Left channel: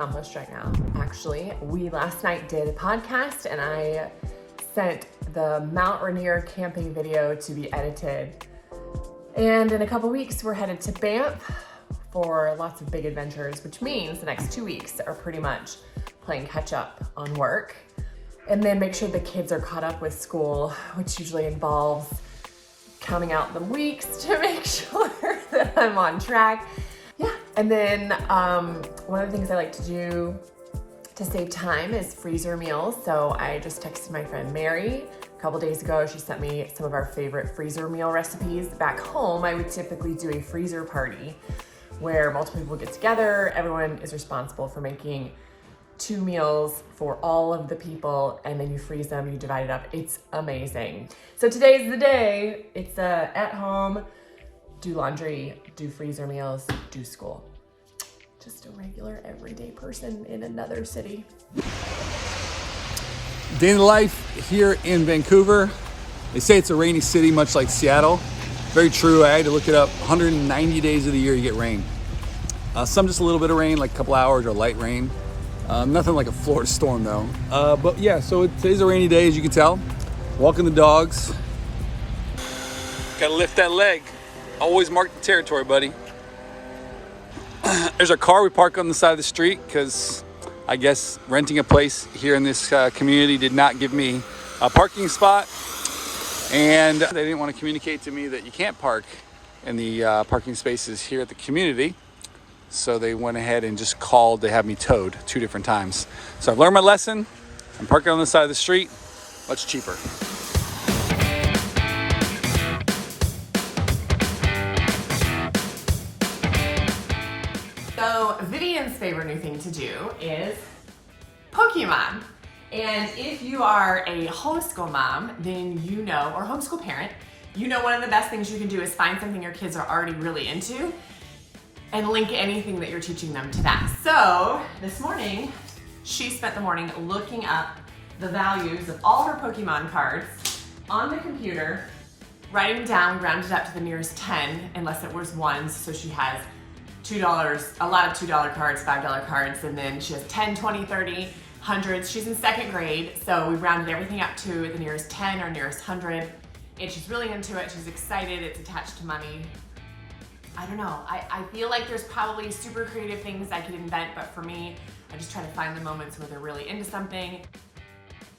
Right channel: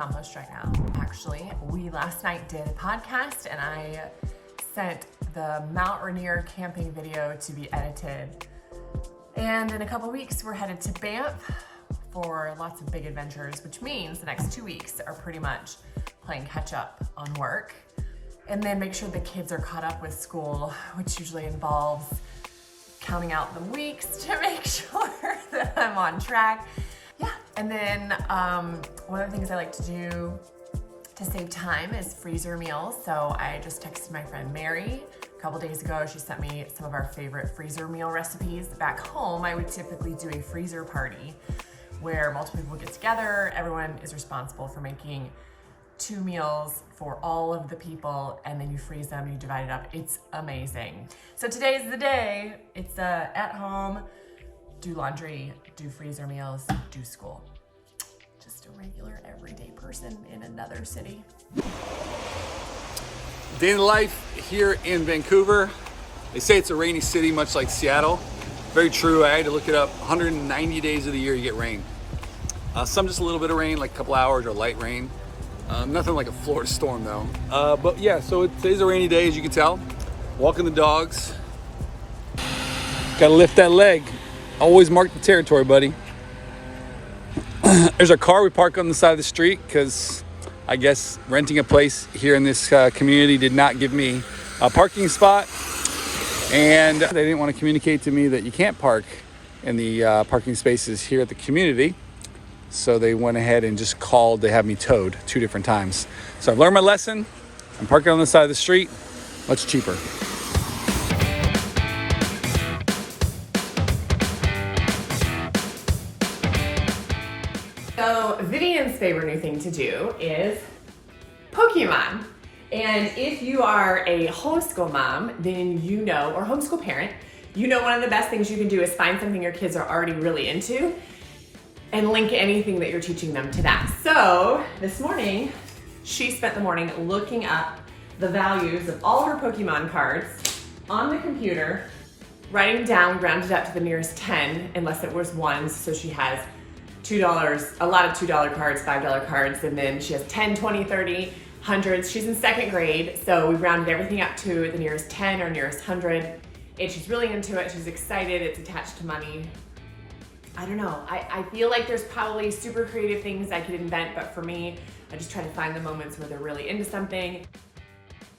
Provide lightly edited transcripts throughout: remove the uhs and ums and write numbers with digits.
accomplished right now. Actually, we last night did a podcast and I sent the Mount Rainier camping video to be edited. And in a couple weeks, we're headed to Banff for lots of big adventures, which means the next 2 weeks are pretty much playing catch up on work. And then make sure the kids are caught up with school, which usually involves counting out the weeks to make sure that I'm on track. Yeah, and then one of the things I like to do to save time is freezer meals. So I just texted my friend Mary a couple days ago. She sent me some of our favorite freezer meal recipes. Back home, I would typically do a freezer party where multiple people get together. Everyone is responsible for making 2 meals for all of the people, and then you freeze them, you divide it up. It's amazing. So today's the day. It's at home, do laundry, do freezer meals, do school. Just a regular everyday person in another city. Day in the life here in Vancouver. They say it's a rainy city, much like Seattle. Very true. I had to look it up. 190 days of the year you get rain. Some just a little bit of rain, like a couple hours, or light rain. Nothing like a Florida storm though. But yeah, so today's a rainy day, as you can tell. Walking the dogs. Gotta lift that leg. Always mark the territory, buddy. There's a car we park on the side of the street because I guess renting a place here in this community did not give me a parking spot. And they didn't want to communicate to me that you can't park in the parking spaces here at the community. So they went ahead and just called to have me towed 2 different times. So I've learned my lesson. I'm parking on the side of the street, much cheaper. So Vivian's favorite new thing to do is Pokémon. And if you are a homeschool mom, then you know, or homeschool parent, you know one of the best things you can do is find something your kids are already really into and link anything that you're teaching them to that. So this morning, she spent the morning looking up the values of all her Pokémon cards on the computer, writing down, rounded up to the nearest 10, unless it was ones. So she has $2, a lot of $2 cards, $5 cards, and then she has 10, 20, 30, hundreds. She's in 2nd grade, so we rounded everything up to the nearest 10 or nearest 100. And she's really into it, she's excited, it's attached to money. I don't know, I feel like there's probably super creative things I could invent, but for me, I just try to find the moments where they're really into something.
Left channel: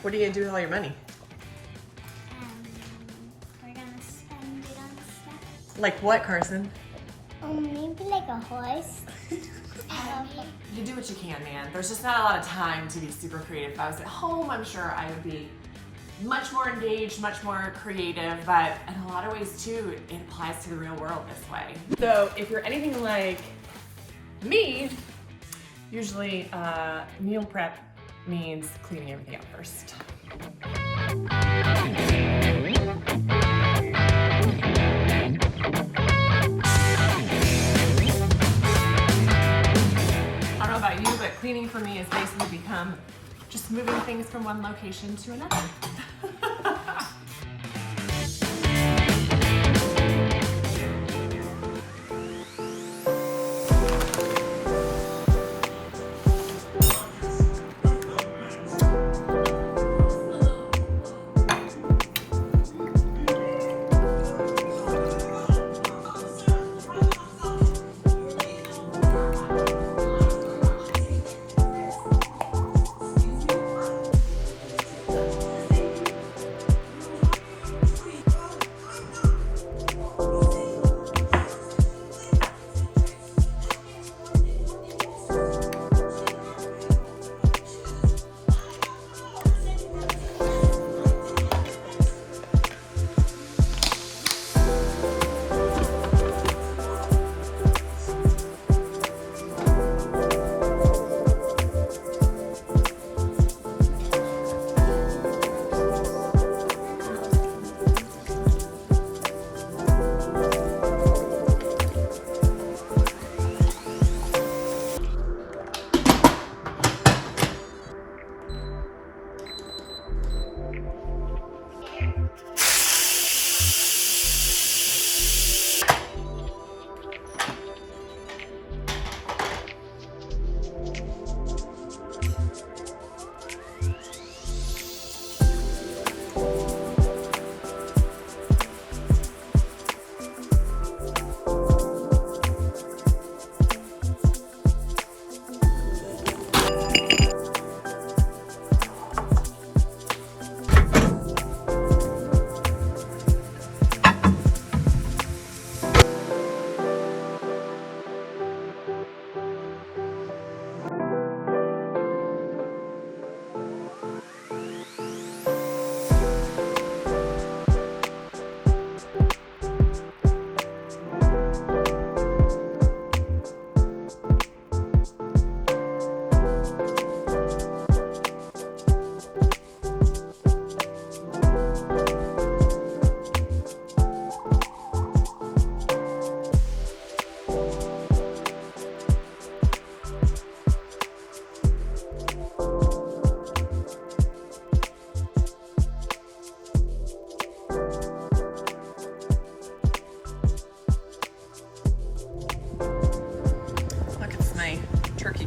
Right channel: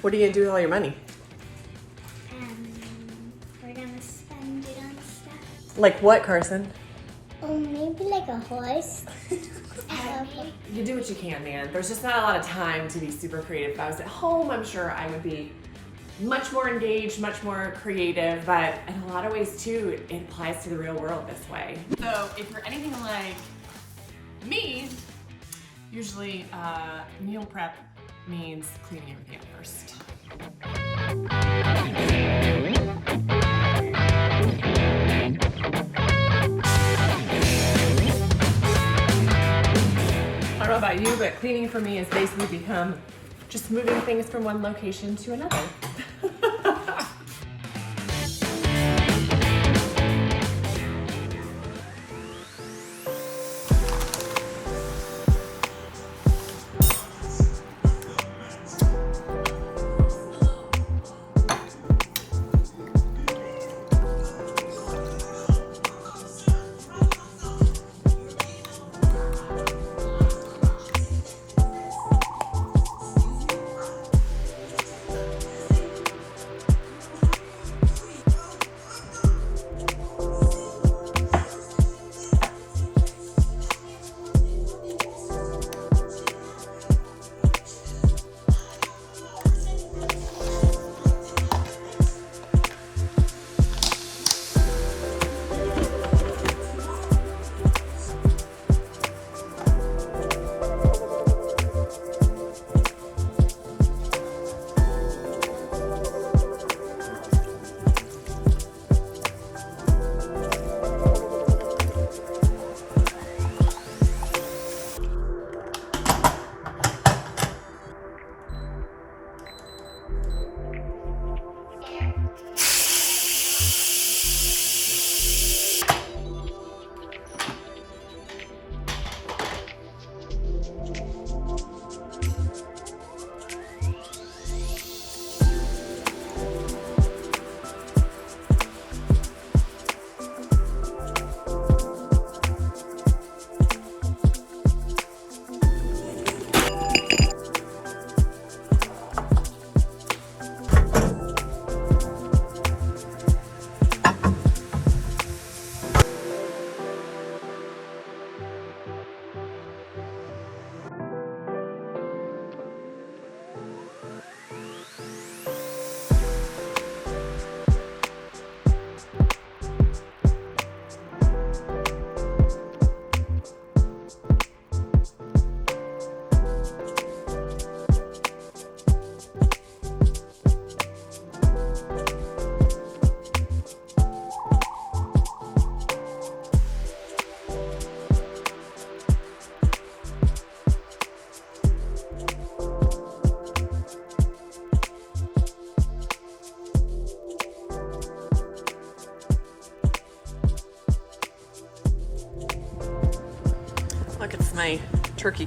What are you gonna do with all your money? We're gonna spend it on stuff. Like what, Carson? Oh, maybe like a horse. You do what you can, man. There's just not a lot of time to be super creative. If I was at home, I'm sure I would be much more engaged, much more creative, but in a lot of ways too, it applies to the real world this way. So if you're anything like me, usually meal prep means cleaning everything up first. I don't know about you, but cleaning for me has basically become just moving things from one location to another.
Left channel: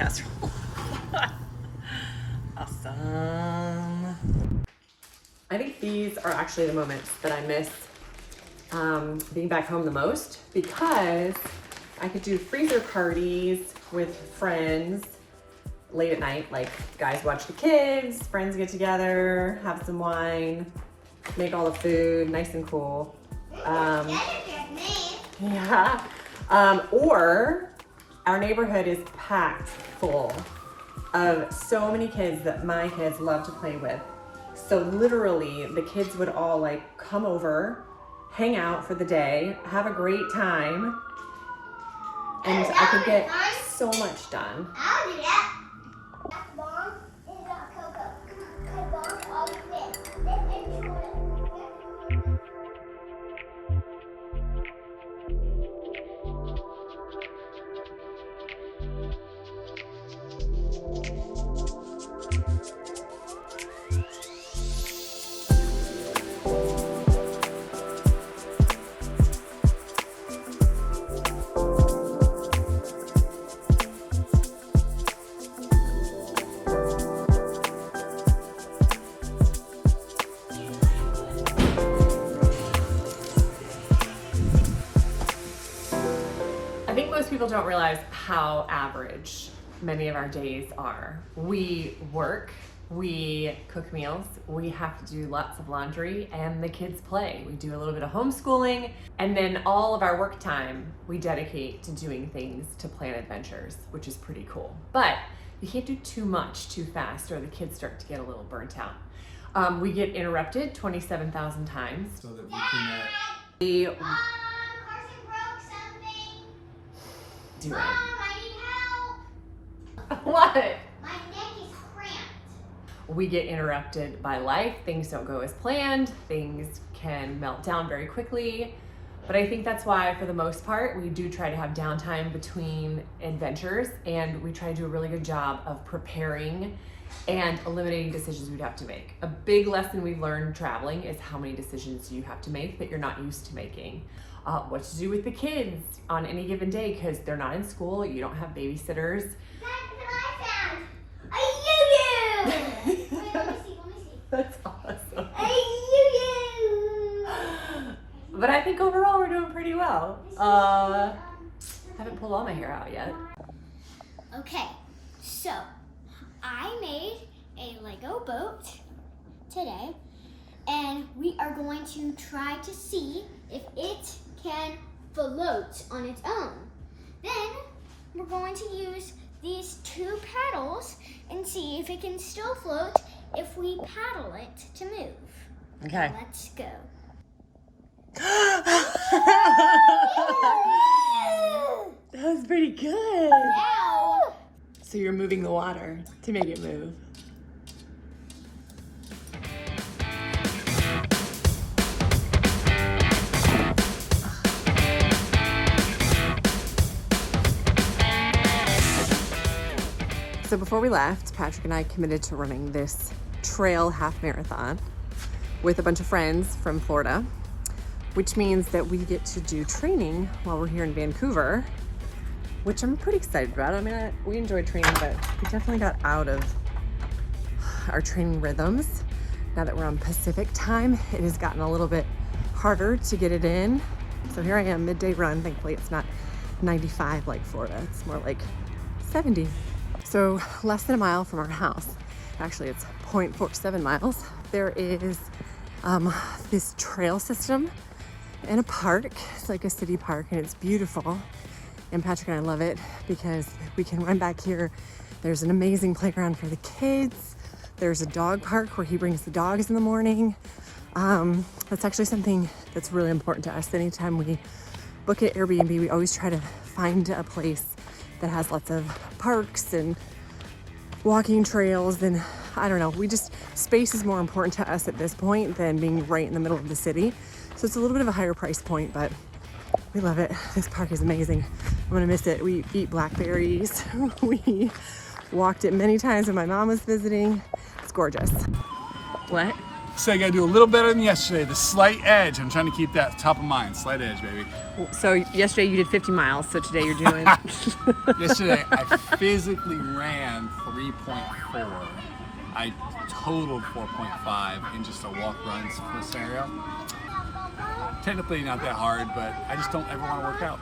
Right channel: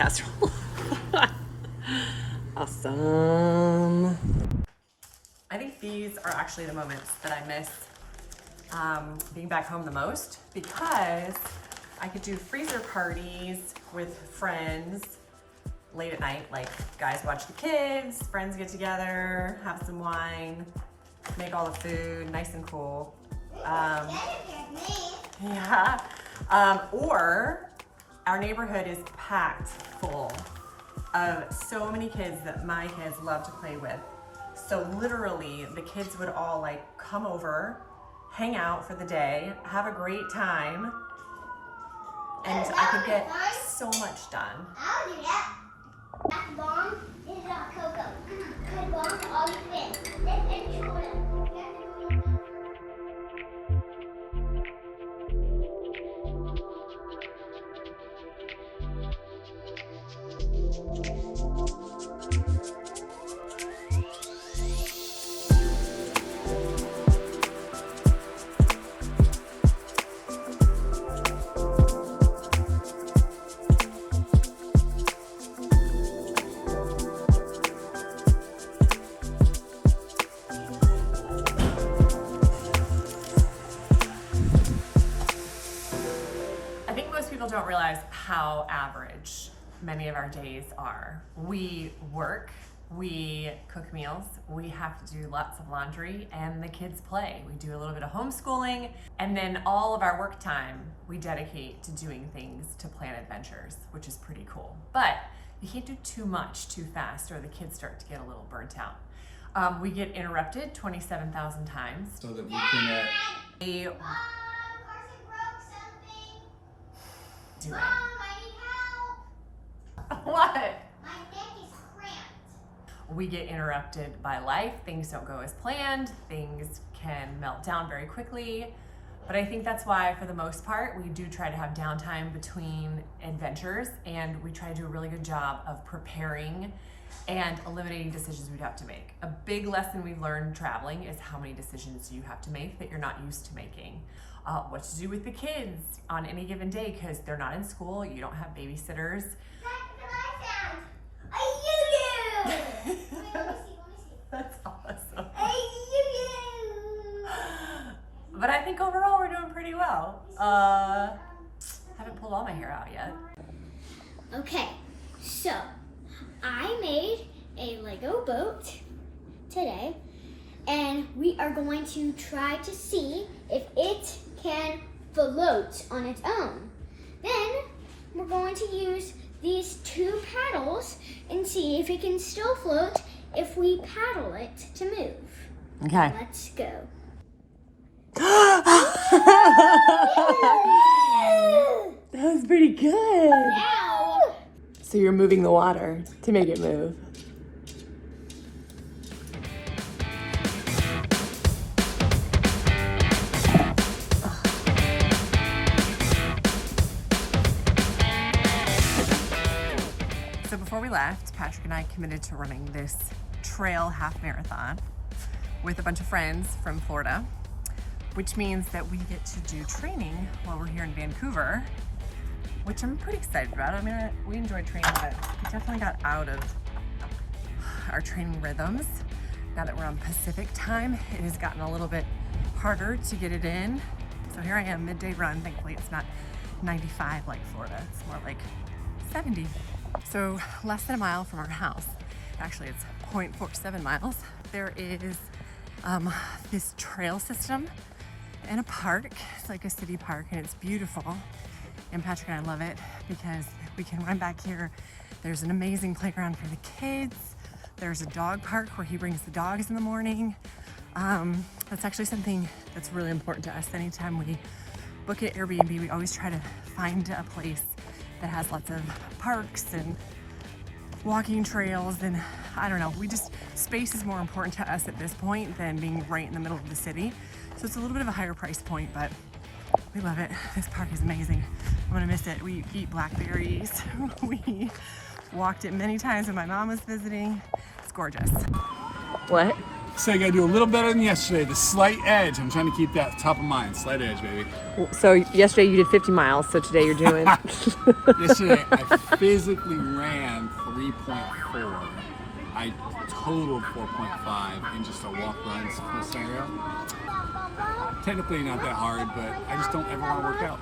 casserole. Awesome. I think these are actually the moments that I miss being back home the most, because I could do freezer parties with friends late at night, like guys watch the kids, friends get together, have some wine, make all the food nice and cool. Yeah. Or our neighborhood is packed full of so many kids that my kids love to play with. So literally the kids would all like come over, hang out for the day, have a great time, and I could get so much done. People don't realize how average many of our days are. We work, we cook meals, we have to do lots of laundry, and the kids play. We do a little bit of homeschooling, and then all of our work time we dedicate to doing things to plan adventures, which is pretty cool. But you can't do too much too fast or the kids start to get a little burnt out. We get interrupted 27,000 times. So that we can We Carson broke something. do Mom, it. I need help. What? My neck is cramped. We get interrupted by life. Things don't go as planned. Things can melt down very quickly. But I think that's why, for the most part, we do try to have downtime between adventures, and we try to do a really good job of preparing and eliminating decisions we'd have to make. A big lesson we've learned traveling is how many decisions you have to make that you're not used to making. What to do with the kids on any given day, because they're not in school, you don't have babysitters. That's what I found. A yoo-yoo. Wait, let me see. That's awesome. A yoo-yoo. But I think overall we're doing pretty well. Haven't pulled all my hair out yet. Okay, so I made a Lego boat today, and we are going to try to see if it can float on its own. Then we're going to use these two paddles and see if it can still float if we paddle it to move. Okay. Let's go. That was pretty good. Now, So you're moving the water to make it move. So before we left, Patrick and I committed to running this trail half marathon with a bunch of friends from Florida, which means that we get to do training while we're here in Vancouver, which I'm pretty excited about. I mean, we enjoyed training, but we definitely got out of our training rhythms. Now that we're on Pacific time, it has gotten a little bit harder to get it in. So here I am, midday run. Thankfully, it's not 95 like Florida. It's more like 70. So less than a mile from our house, actually it's 0.47 miles, there is this trail system in a park. It's like a city park, and it's beautiful. And Patrick and I love it because we can run back here. There's an amazing playground for the kids. There's a dog park where he brings the dogs in the morning. That's actually something that's really important to us. Anytime we book at Airbnb, we always try to find a place that has lots of parks and walking trails, and I don't know, space is more important to us at this point than being right in the middle of the city. So it's a little bit of a higher price point, but we love it. This park is amazing. I'm gonna miss it. We eat blackberries. We walked it many times when my mom was visiting. It's gorgeous. What? So I gotta do a little better than yesterday. The slight edge. I'm trying to keep that top of mind. Slight edge, baby. So yesterday you did 50 miles, so today you're doing... Yesterday I physically ran 3.4. I totaled 4.5 in just a walk-run scenario. Technically not that hard, but I just don't ever want to work out.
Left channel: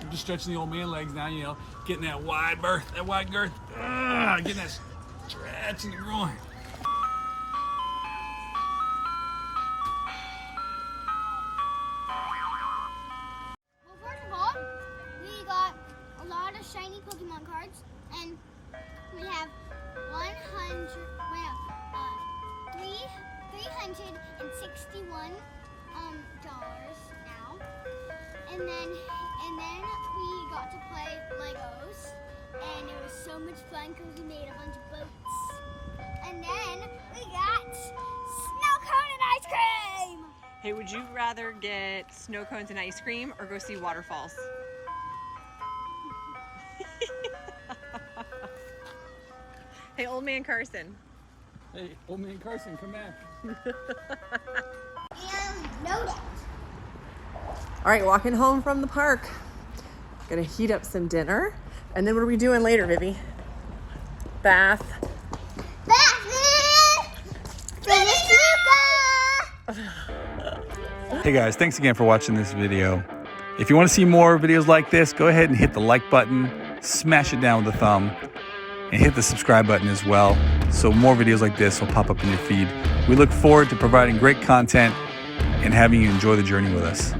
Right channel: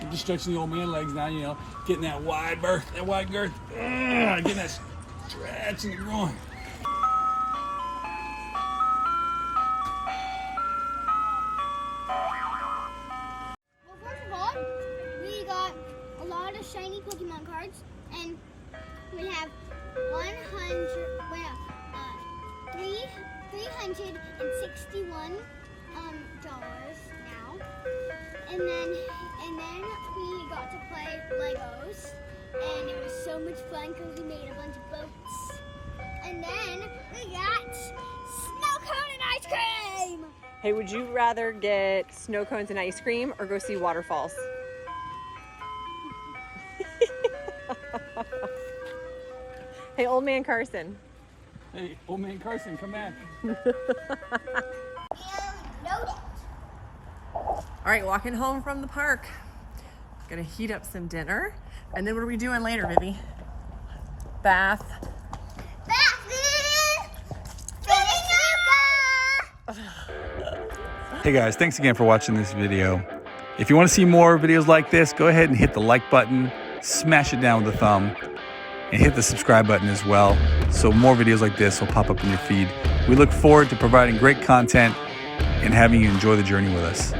I'm just stretching the old man legs now, you know, getting that wide berth, that wide girth, getting that stretch in the groin. Well, first of all, we got a lot of shiny Pokemon cards, and we have 361 dollars now, and then we got to play Legos, and it was so much fun because we made a bunch of boats, and then we got snow cone and ice cream. Hey, would you rather get snow cones and ice cream or go see waterfalls? Hey, old man Carson. Hey, old man Carson, come back. All right, walking home from the park. Gonna heat up some dinner. And then what are we doing later, Vivi? Bath. Hey guys, thanks again for watching this video. If you want to see more videos like this, go ahead and hit the like button, smash it down with a thumb, and hit the subscribe button as well, so more videos like this will pop up in your feed. We look forward to providing great content and having you enjoy the journey with us.